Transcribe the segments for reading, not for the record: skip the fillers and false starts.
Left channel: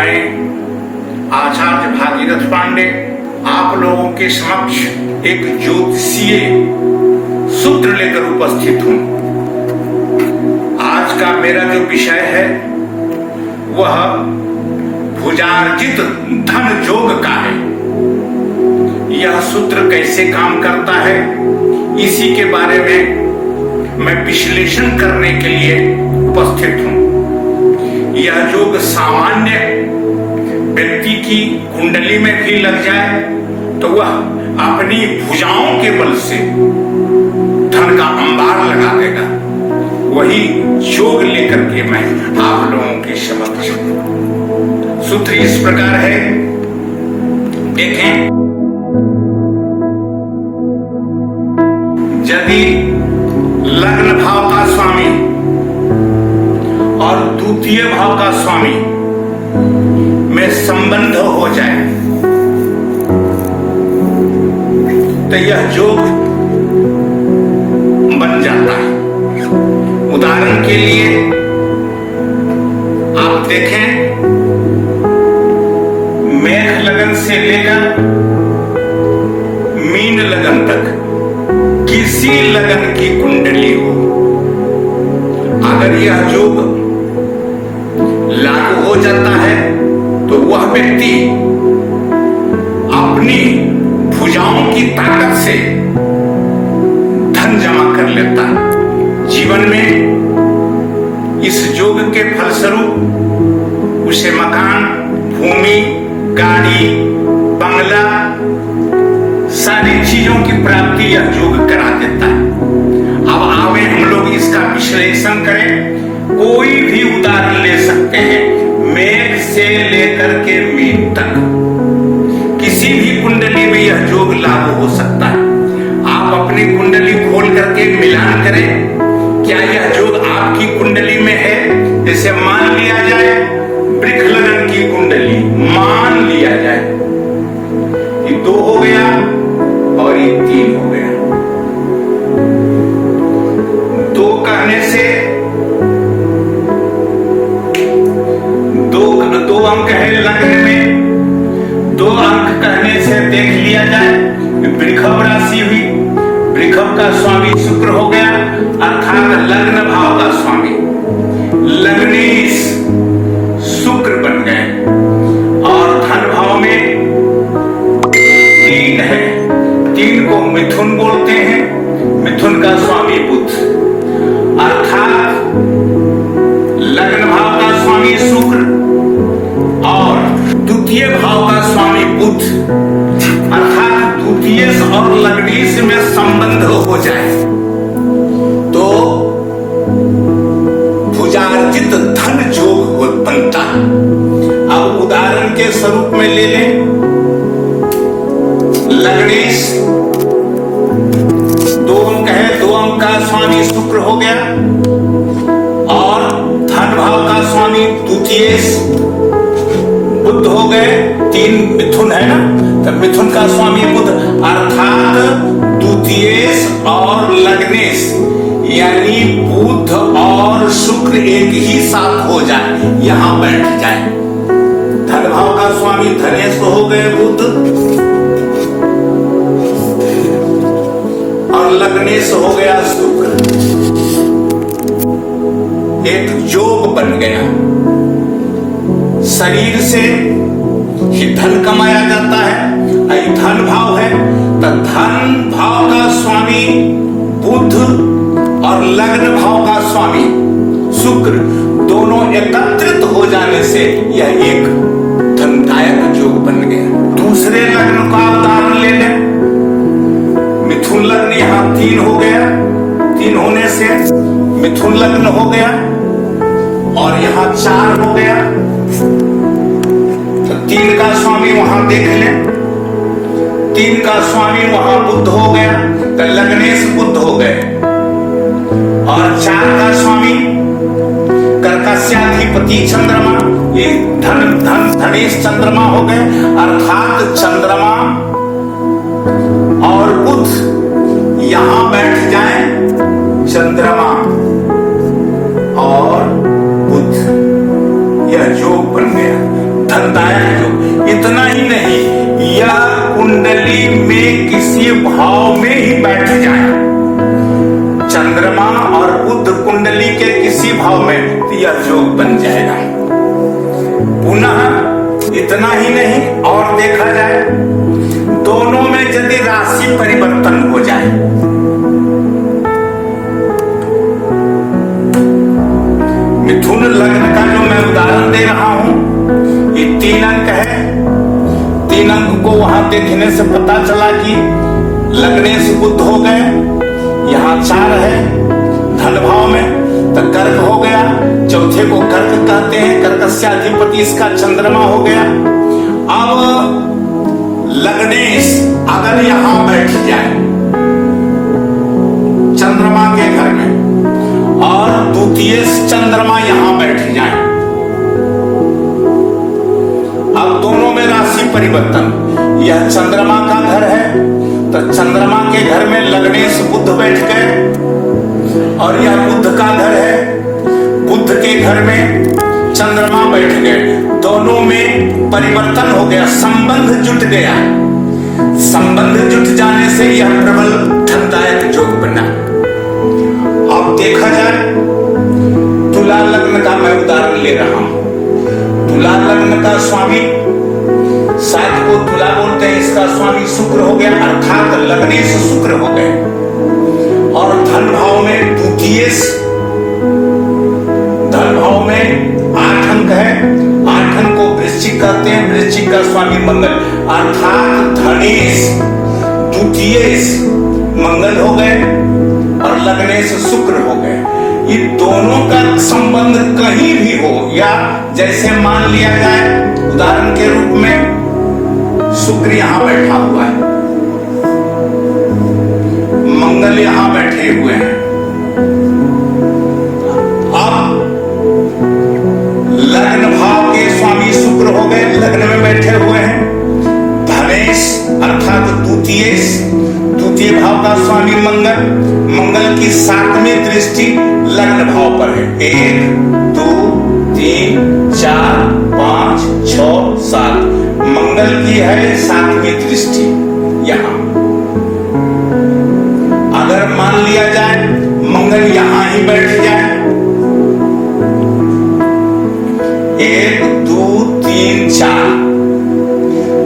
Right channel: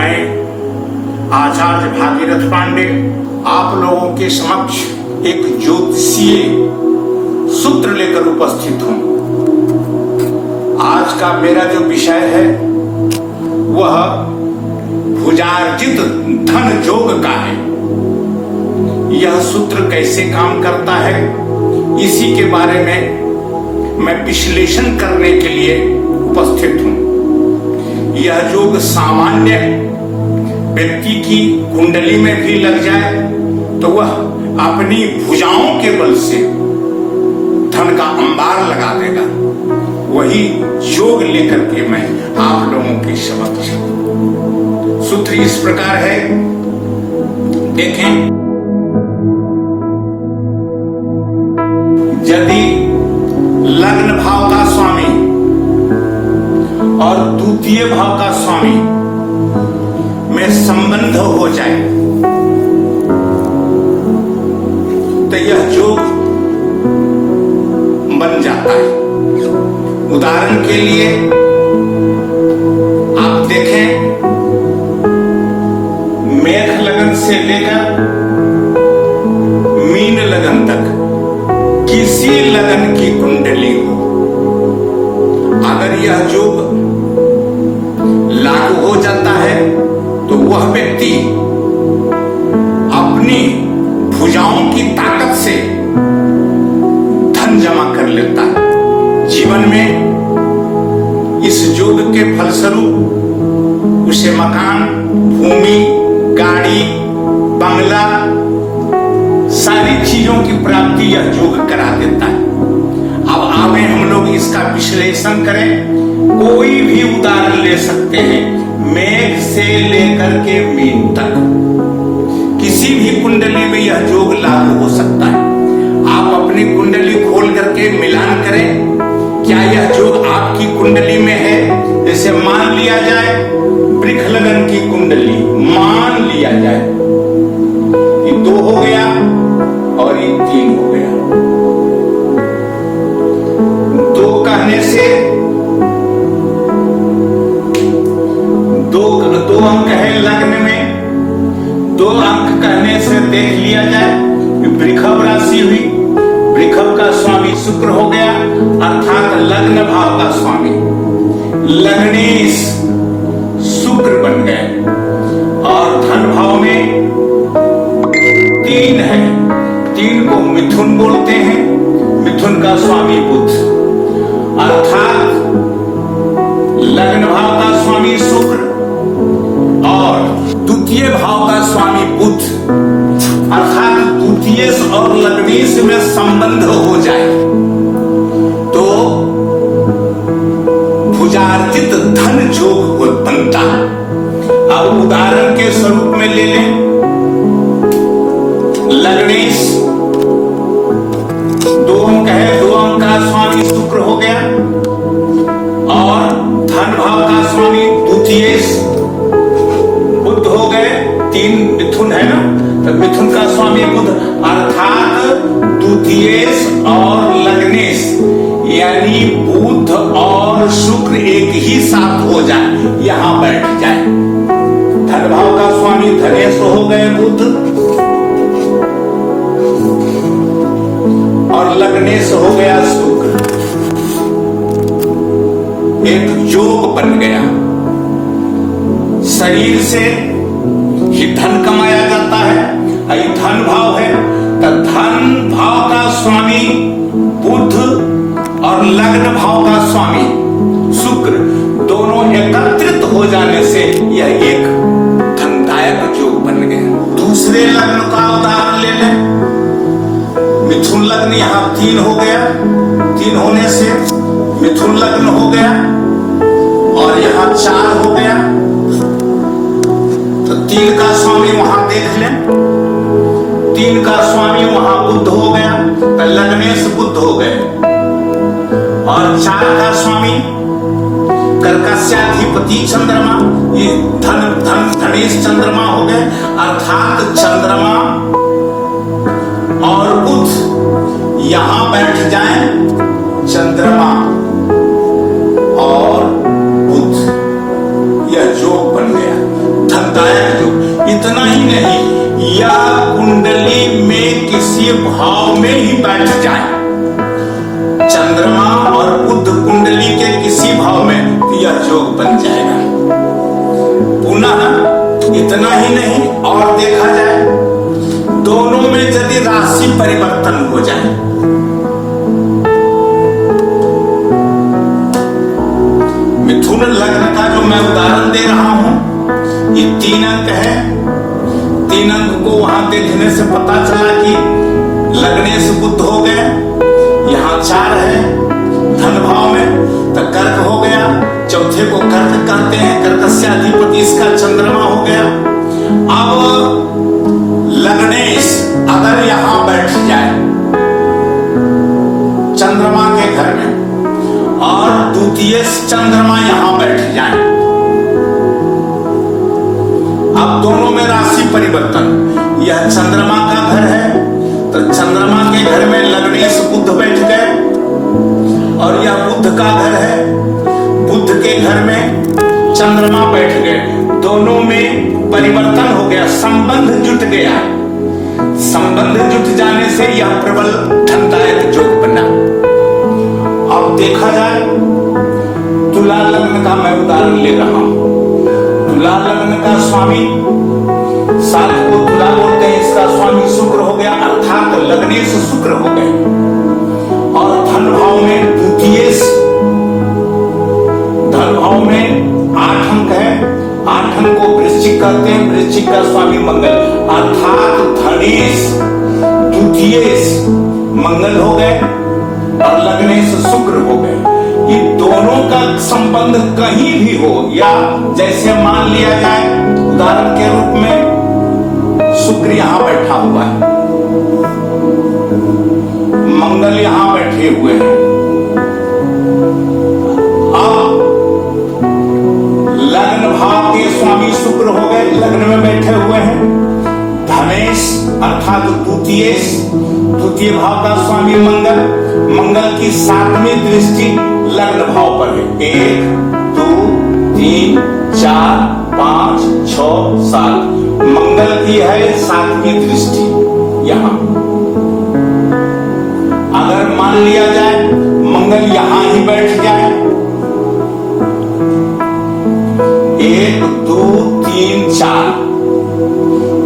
मैं आचार्य भागीरथ पांडे आप लोगों के समक्ष एक ज्योतिषीय सूत्र लेकर उपस्थित हूं। आज का मेरा जो विषय है वह भुजार्जित धन योग का है। यह सूत्र कैसे काम करता है इसी के बारे में मैं विश्लेषण करने के लिए उपस्थित हूं। यह योग सामान्य व्यक्ति की कुंडली में भी लग जाए तो वह अपनी भुजाओं के बल से धन का अंबार लगा देगा। वही योग लेकर के मैं आप लोगों के समक्ष सूत्र इस प्रकार है, देखें। यदि लग्न भाव का स्वामी और द्वितीय भाव का स्वामी में संबंध हो जाए तो यह योग बन जाता है। उदाहरण के लिए आप देखें, मेष लगन से लेकर मीन लगन तक किसी लगन की कुंडली हो, अगर यह योग लागू हो जाता है तो वह व्यक्ति अपनी भुजाओं की ताकत से धन जमा कर लेता है। जीवन में इस योग के फलस्वरूप उसे मकान, भूमि, गाड़ी, बंगला, सारी चीजों की प्राप्ति यह योग करा देता है। अब आवे हम लोग इसका विश्लेषण करें। कोई भी उदाहरण ले सकते हैं, मेघ से लेकर के मीन तक किसी भी कुंडली में यह योग लागू हो सकता है। आप अपनी कुंडली खोल करके मिलान करें, क्या यह योग आपकी कुंडली में है? जैसे मान लिया जाए वृक्ष लगन की कुंडली, मान लिया जाए ये 2 हो गया और ये 3 हो गया। 2 कहने से 2 अंक है लग्न में, 2 अंक कहने से देख लिया जाए वृषभ राशि हुई। वृषभ का स्वामी शुक्र हो गया, अर्थात लग्न भाव का स्वामी लग्नेश शुक्र बन गए। और धन भाव में 3 है, 3 को मिथुन बोलते हैं, मिथुन का स्वामी बुध, अर्थात लग्न भाव का स्वामी शुक्र और द्वितीय भाव का स्वामी बुध, अर्थात द्वितीय और लग्नेश में संबंध हो जाए तो भुजार्जित धन योग बनता है। अब उदाहरण के स्वरूप में ले लें, लग्नेश 2 अंक है, 2 अंक का स्वामी शुक्र हो गया और धन भाव का स्वामी द्वितीय बुध हो गए। 3 मिथुन है ना, तो मिथुन का स्वामी बुध, अर्थात द्वितीयेश और लग्नेश यानी बुध और शुक्र एक ही साथ हो जाए, यहां बैठ जाए। धन भाव का स्वामी धनेश हो गए बुध और लग्नेश हो गया शुक्र, एक योग बन गया। शरीर से ही धन कमाया जाता है, धन भाव है तो धन भाव का स्वामी बुध और लग्न भाव का स्वामी शुक्र दोनों एकत्रित हो जाने से यह एक धनदायक योग बन गया। दूसरे लग्न का उदाहरण ले लें, मिथुन लग्न यहां 3 हो गया, 3 होने से मिथुन लग्न हो गया और यहां 4 हो गया तो 3 का स्वामी वहां देख लें, 3 का स्वामी वहां बुध हो गया तो लग्नेश बुध हो गए और 4 का स्वामी कर्कशाधिपति चंद्रमा, ये धनेश चंद्रमा हो गए, अर्थात चंद्रमा और बुध यहां बैठ जाए, चंद्रमा और बुध, यह योग बन गया। धनदायक योग। इतना ही नहीं, यह कुंडली में किसी भाव में ही बैठ जाए, चंद्रमा और बुध कुंडली के किसी भाव में, तो यह योग बन जाएगा। पुनः इतना ही नहीं, और देखा जाए दोनों में यदि राशि परिवर्तन हो जाए, मिथुन लग्न का जो मैं उदाहरण दे रहा हूं, ये 3 अंक है। 3 अंक को वहां देखने से पता चला कि लग्नेश बुध हो गए, यहां 4 है धन भाव में, तो कर्क हो गया, चौथे को कर्क कहते हैं, कर्कस्याधिपति इसका चंद्रमा हो गया। अब लग्नेश अगर यहां बैठ जाए चंद्रमा के घर में, और द्वितीय चंद्रमा यहां बैठ जाए, अब दोनों में राशि परिवर्तन। यह चंद्रमा का घर है, तो चंद्रमा के घर में लग्नेश बुध बैठ गए, और यह बुध का घर है, बुध के घर में चंद्रमा बैठ गए। दोनों में परिवर्तन हो गया, संबंध जुट गया। संबंध जुट जाने से यह प्रबल धनदायक योग बना। अब देखा जाए तुला लग्न का मैं उदाहरण ले रहा हूं। तुला लग्न का स्वामी, सात को तुला बोलते हैं, इसका स्वामी शुक्र हो गया, अर्थात लग्नेश शुक्र हो गए, और धन भाव में द्वितीय धन भाव में 8 अंक है। 8 अंक को वृश्चिक कहते हैं, वृश्चिक का स्वामी मंगल, अर्थात धनेश द्वितीय मंगल हो गए और लग्नेश शुक्र हो गए। ये दोनों का संबंध कहीं भी हो, या जैसे मान लिया जाए उदाहरण के रूप में शुक्र यहां बैठा हुआ है, मंगल यहां बैठे हुए हैं, अब लग्न भाव के स्वामी शुक्र हो गए, लग्न में बैठे हुए हैं। धनेश अर्थात द्वितीय भाव का स्वामी मंगल, मंगल की 7वीं दृष्टि लग्न भाव पर है। 1 2 3 4 5 6 7 मंगल की है 7वीं दृष्टि यहां। अगर मान लिया जाए मंगल यहां ही बैठ जाए, 1 2 3 4,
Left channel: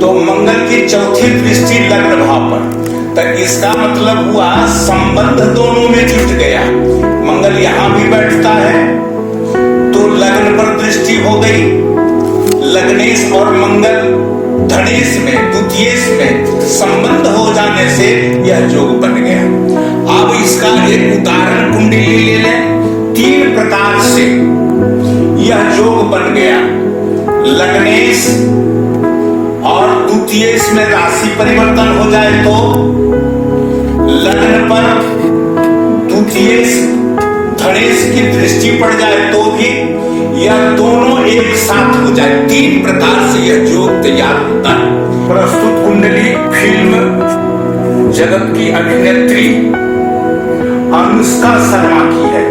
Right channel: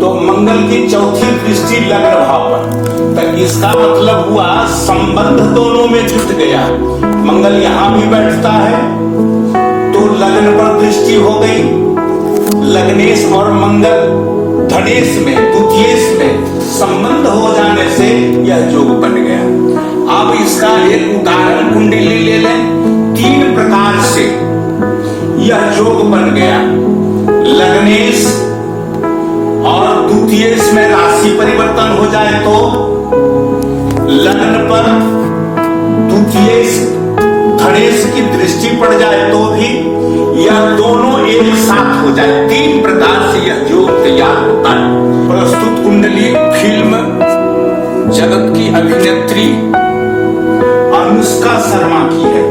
तो मंगल की चौथी दृष्टि लग्न भाव पर, तो इसका मतलब हुआ संबंध दोनों में जुट गया। मंगल यहां भी बैठता है तो लग्न पर दृष्टि हो गई, लग्नेश और मंगल धनेश में द्वितीय में संबंध हो जाने से यह योग बन गया। अब इसका एक उदाहरण कुंडली ले लें। 3 प्रकार से यह योग बन गया। लग्नेश और द्वितीय में राशि परिवर्तन हो जाए तो लग्न पर द्वितीय धनेश की दृष्टि पड़ जाए तो भी यह दोनों एक साथ हो जाए। 3 प्रकार से यह योग तैयार होता है। प्रस्तुत कुंडली फिल्म जगत की अभिनेत्री अनुष्का शर्मा की है।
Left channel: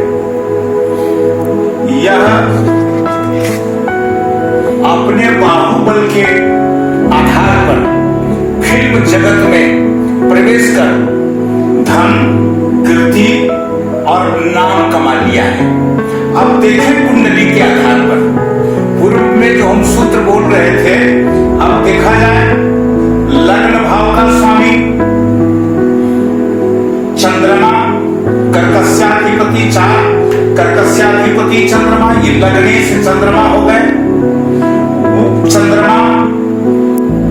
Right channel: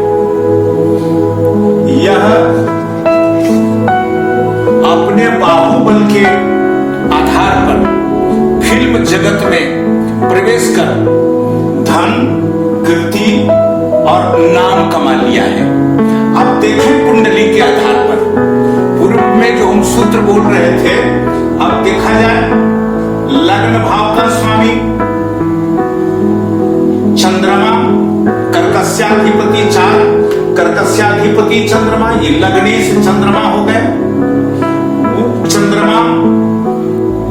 यह अपने बाहुबल के आधार पर फिल्म जगत में प्रवेश कर धन, कीर्ति और नाम कमा लिया है। अब देखें कुंडली के आधार पर, पूर्व में जो हम सूत्र बोल रहे थे, अब देखा जाए लग्न भाव का स्वामी चंद्रमा, कर्कस्याधिपति 4, कर्कस्याधिपति चंद्रमा, ये लग्नेश चंद्रमा हो गए। वो चंद्रमा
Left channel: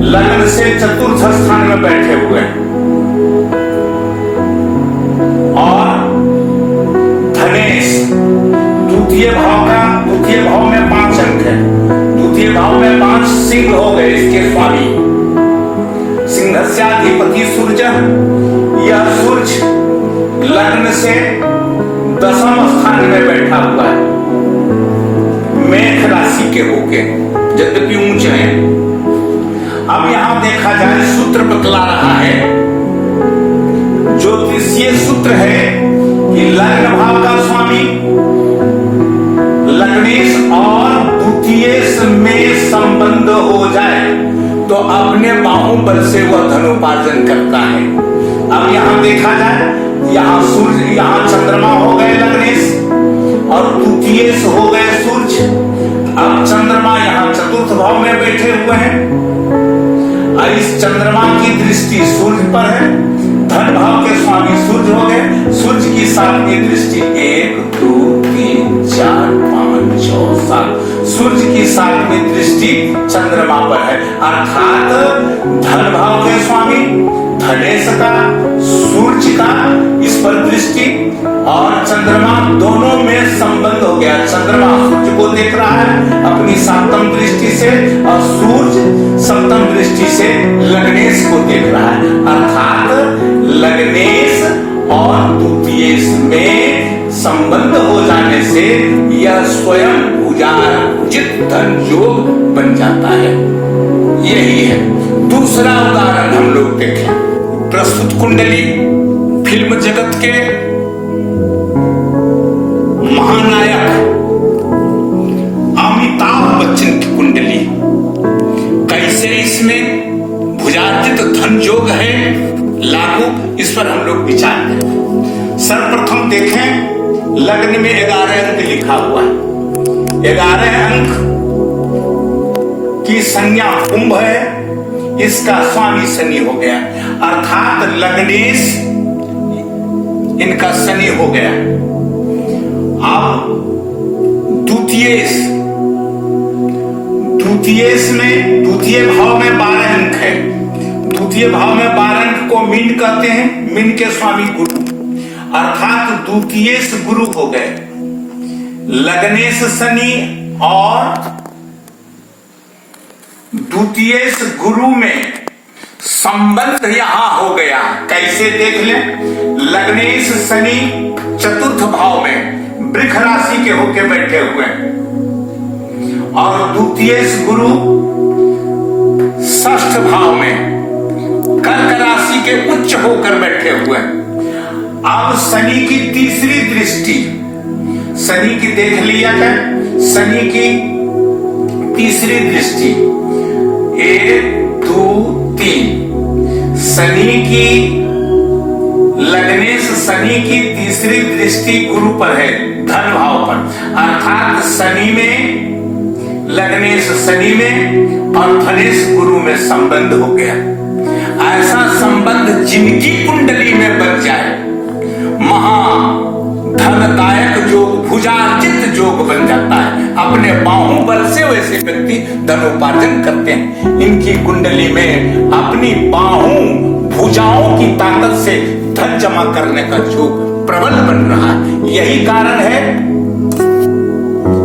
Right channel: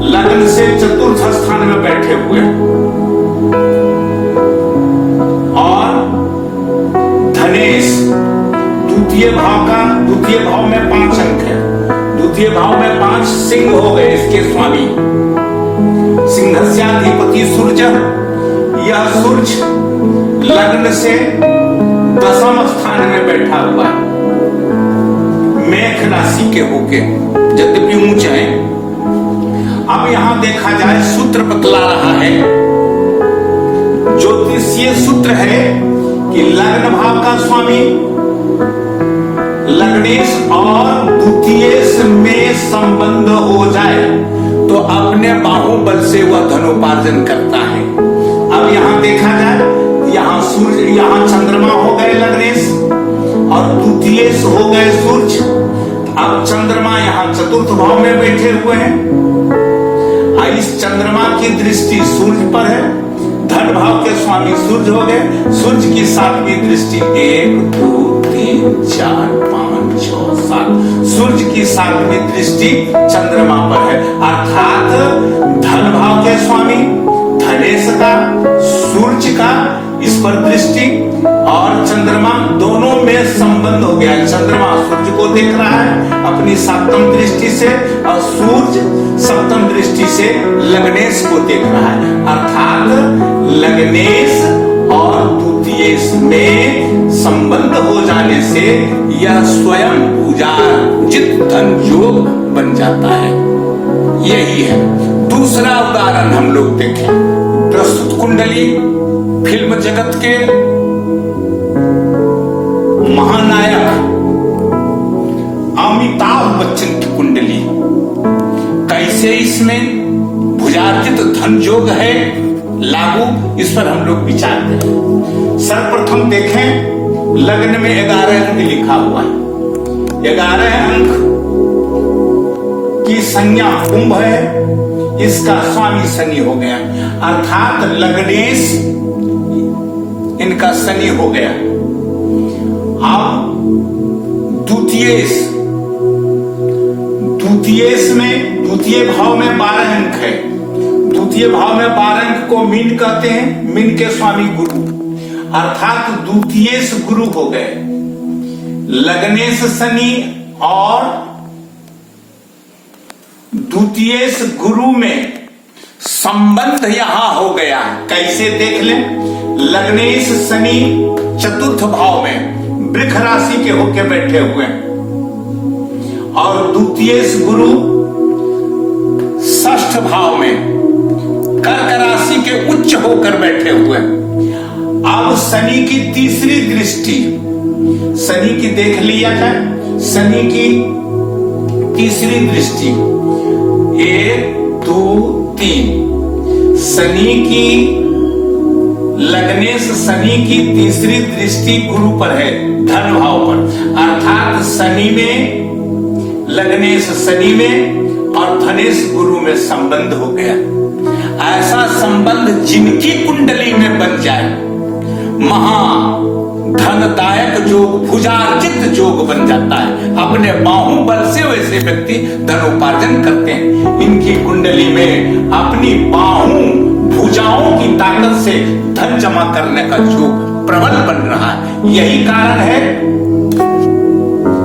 लग्न से चतुर्थ स्थान में बैठे हुए और धनेश द्वितीय भाव में 5 अंक है। द्वितीय भाव में 5 सिंह हो गए इसके स्वामी, सिंहस्याधिपति सूर्य। यह सूर्य लग्न से 10वें स्थान में बैठा हुआ है, मेष राशि के होके, यद्यपि ऊंचे हैं। अब यहां देखा जाए सूत्र बतला रहा है, ज्योतिषीय सूत्र है कि लग्न भाव का स्वामी लग्नेश और द्वितीय में संबंध तो अपने बाहुबल से वह धनोपार्जन करता है। अब यहां देखा जाए, यहाँ सूर्य, यहाँ चंद्रमा हो गए लग्नेश और द्वितीयेश हो गए सूर्य। अब चंद्रमा यहाँ चतुर्थ भाव में बैठे हुए हैं। इस चंद्रमा की दृष्टि सूर्य पर है। धन भाव के स्वामी सूर्य हो गए। सूर्य की 7वीं दृष्टि 1 2 3 4 5 6 7, सूर्य की 7वीं दृष्टि चंद्रमा पर है। अर्थात धन भाव के स्वामी धनेश का, सूर्य का इस पर दृष्टि और चंद्रमा दोनों में संबंध हो गया। चंद्रमा सूर्य को देख रहा है अपनी 7वीं दृष्टि से और सूर्य 7वीं दृष्टि से लग्नेश को देख रहा है। अर्थात लग्नेश और द्वितीयेश में संबंध हो जाने से यह स्वयं पूजार्जित धन योग बन जाता है। यही है। दूसरा उदाहरण हम लोग देखें। प्रस्तुत कुंडली फिल्म जगत के महानायक अमिताभ बच्चन की कुंडली, कैसे इसमें भुजार्जित धन योग है लागू, इस पर हम लोग विचार करें। सर्वप्रथम देखें, लग्न में 11 अंक लिखा हुआ है। 11 अंक की संज्ञा कुंभ है, इसका स्वामी शनि हो गया। अर्थात लग्नेश इनका शनि हो गया। अब द्वितीयेश में, द्वितीय भाव में 12 अंक है। द्वितीय भाव में 12 अंक को मीन कहते हैं। मीन के स्वामी गुरु, अर्थात द्वितीयेश गुरु हो गए। लग्नेश शनि और द्वितीयेश गुरु में संबंध यहां हो गया। कैसे देख लें, लग्नेश शनि चतुर्थ भाव में वृष राशि के होके बैठे हुए हैं और द्वितीयेश गुरु 6ठ भाव में कर्क राशि के उच्च होकर बैठे हुए हैं। अब शनि की तीसरी दृष्टि, शनि की देख लिया जाए, शनि की तीसरी दृष्टि 1 2 3, शनि की, लग्नेश शनि की तीसरी दृष्टि गुरु पर है, धन भाव पर। अर्थात शनि में, लग्नेश शनि में और धनेश गुरु में संबंध हो गया। ऐसा संबंध जिनकी कुंडली में बन जाए, महा धनदायक योग, भुजार्जित योग बन जाता है। अपने बाहुबल से वैसे व्यक्ति धनोपार्जन करते हैं। इनकी कुंडली में अपनी भुजाओं की ताकत से धन जमा करने का योग प्रबल बन रहा है। यही कारण है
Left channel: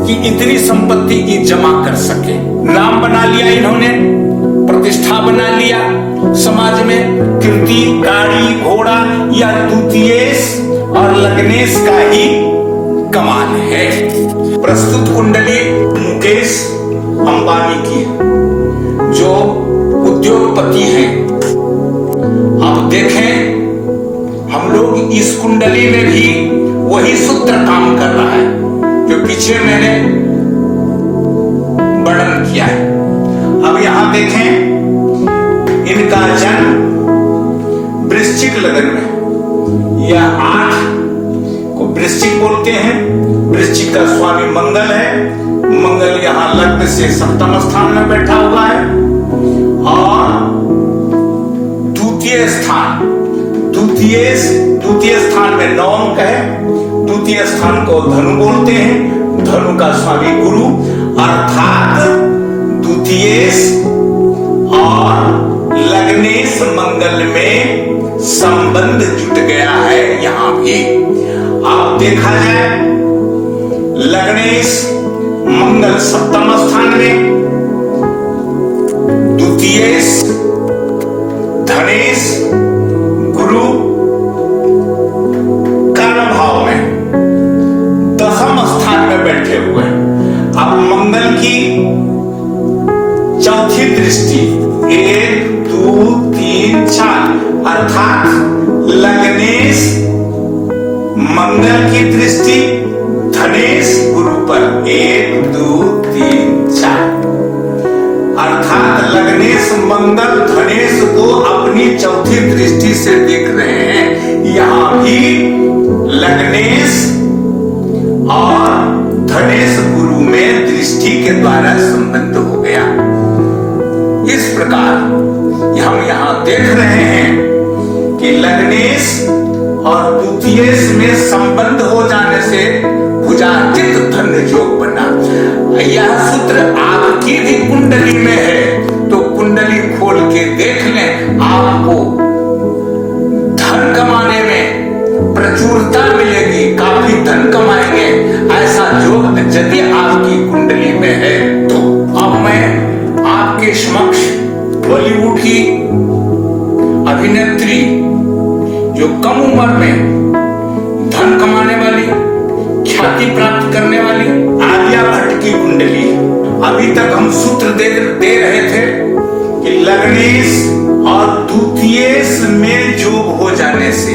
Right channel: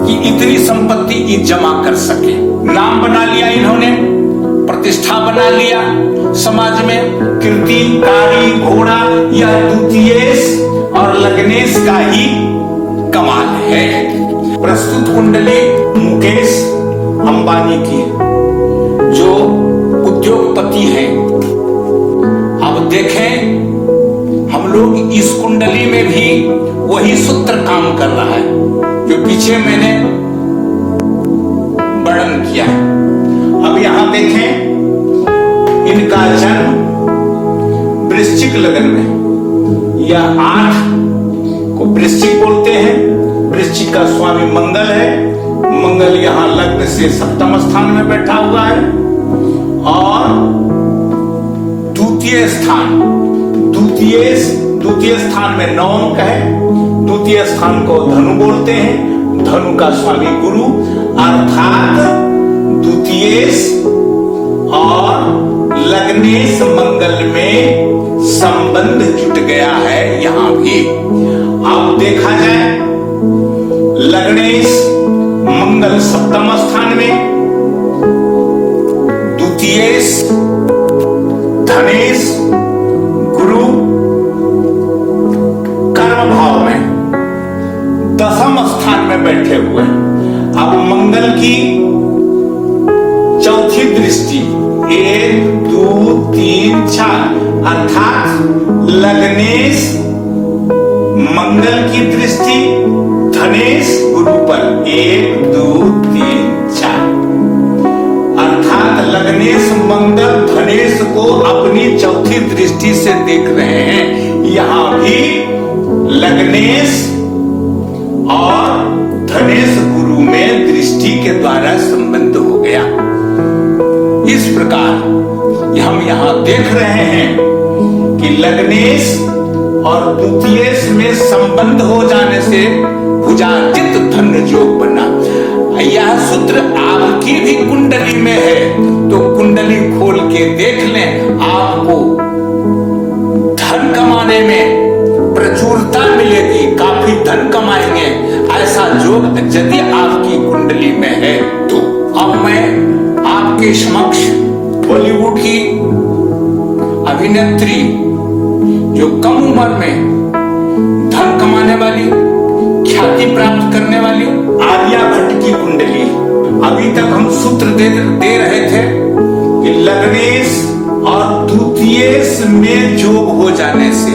कि इतनी संपत्ति जमा कर सके। नाम बना लिया इन्होंने, प्रतिष्ठा बना लिया समाज में। कीर्ति, गाड़ी, घोड़ा, यह द्वितीयेश और लग्नेश का ही कमाल है। प्रस्तुत कुंडली मुकेश अंबानी की, जो उद्योगपति हैं। अब देखें, हम लोग इस कुंडली में भी वही सूत्र काम कर रहा है जो पीछे मैंने वर्णन किया है। अब यहां देखें, इनका जन्म वृश्चिक लग्न में, यह 8 को वृश्चिक बोलते हैं। वृश्चिक का स्वामी मंगल है। मंगल यहां लग्न से 7वें स्थान में बैठा हुआ है और द्वितीय स्थान में 9 अंक है। द्वितीय स्थान को धनु बोलते हैं। धनु का स्वामी गुरु, अर्थात द्वितीयेश और लग्नेश मंगल में संबंध जुट गया है यहां भी। अब देखा जाए, लग्नेश मंगल 7वें स्थान में, द्वितीयेश धनेश गुरु कर्म भाव में 10वें स्थान में बैठे हुए हैं। अब मंगल की चौथी दृष्टि 1 2 3 4, अर्थात लग्नेश मंगल की दृष्टि धनेश गुरु पर 1 2 3 4, अर्थात लग्नेश संबंधक धनेश को अपनी चौथी दृष्टि से देख रहे हैं। यहां भी लग्नेश और धनेश गुरु में दृष्टि के द्वारा संबंध हो गया। इस प्रकार हम यहां देख रहे हैं कि लग्नेश और द्वितीयेश में संबंध हो जाने से भुजातीत धन्य योग बना। यह सूत्र आपकी भी कुंडली में है तो कुंडली खोल के देख लें, आपको धन कमाने में प्रचुरता मिलेगी, काफी धन कमाएंगे। ऐसा योग यदि आपकी कुंडली में है तो अब मैं आपके समक्ष बॉलीवुड की अभिनेत्री जो कम उम्र में धन कमाने वाली, ख्याति प्राप्त करने वाली आलिया भट्ट की कुंडली। अभी तक हम सूत्र दे रहे थे कि लग्नेश और द्वितीयेश में योग हो जाने से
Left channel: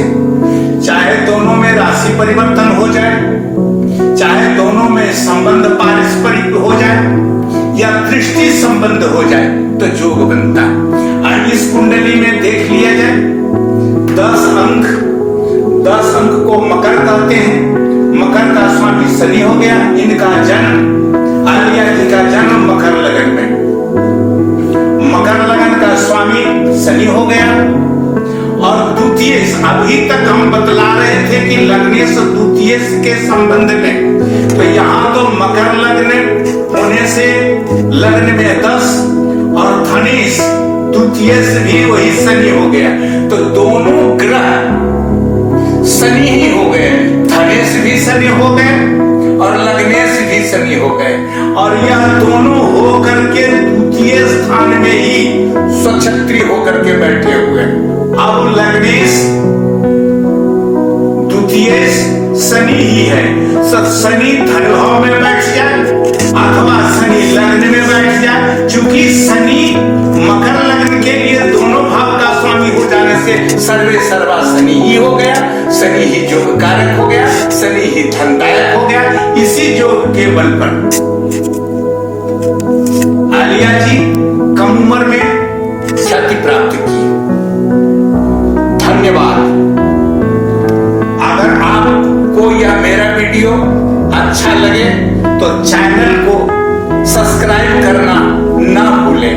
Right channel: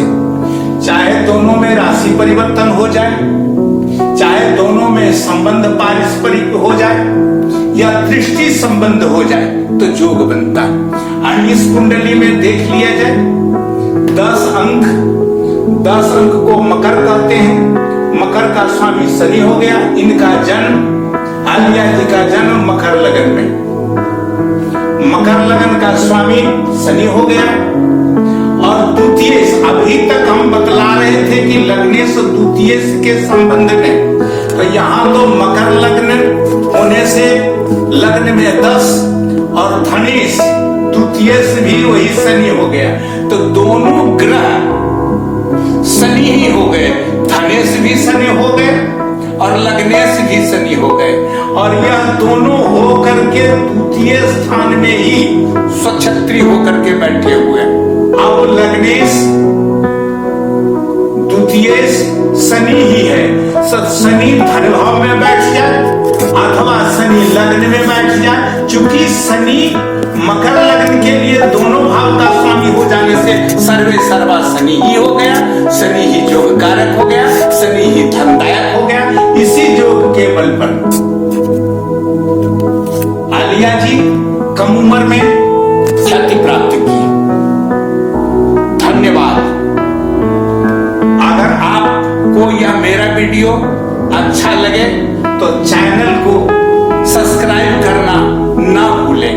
चाहे दोनों में राशि परिवर्तन हो जाए, चाहे दोनों में संबंध पारस्परिक हो जाए या दृष्टि संबंध हो जाए तो योग बनता है। और इस कुंडली में देख लिया जाए 10 अंक को मकर कहते हैं। मकर का स्वामी शनि हो गया। इनका जन्म, आलिया जी का जन्म मकर लगन में, मकर लगन का स्वामी शनि हो गया। और द्वितीयेश, अभी तक हम बतला रहे थे कि लग्नेश और द्वितीयेश के संबंध में, तो यहाँ तो मकर लग्न होने से लग्न में 10 और धनेश द्वितीयेश भी वही शनि हो गया। तो दोनों ग्रह शनि ही हो गए, धनेश भी शनि हो गए और लग्नेश भी शनि हो गए। और यह दोनों हो करके द्वितीय स्थान में ही स्वक्षत्री होकर के बैठे हुए। अब लग्नेश द्वितीयेश शनि ही है। शनि धन भाव में बैठ जाए अथवा शनि लग्न में बैठ जाए। चूंकि शनि मकर लग्न के लिए दोनों भाव का स्वामी हो जाने से सर्वे सर्वा शनि ही हो गया। शनि ही योग कारक हो गया, शनि ही धनदायक हो गया। इसी योग के बल पर आलिया जी कम उम्र में ख्याति प्राप्त की। धन्यवाद। अगर आपको यह मेरा वीडियो अच्छा लगे तो चैनल को सब्सक्राइब करना ना भूलें।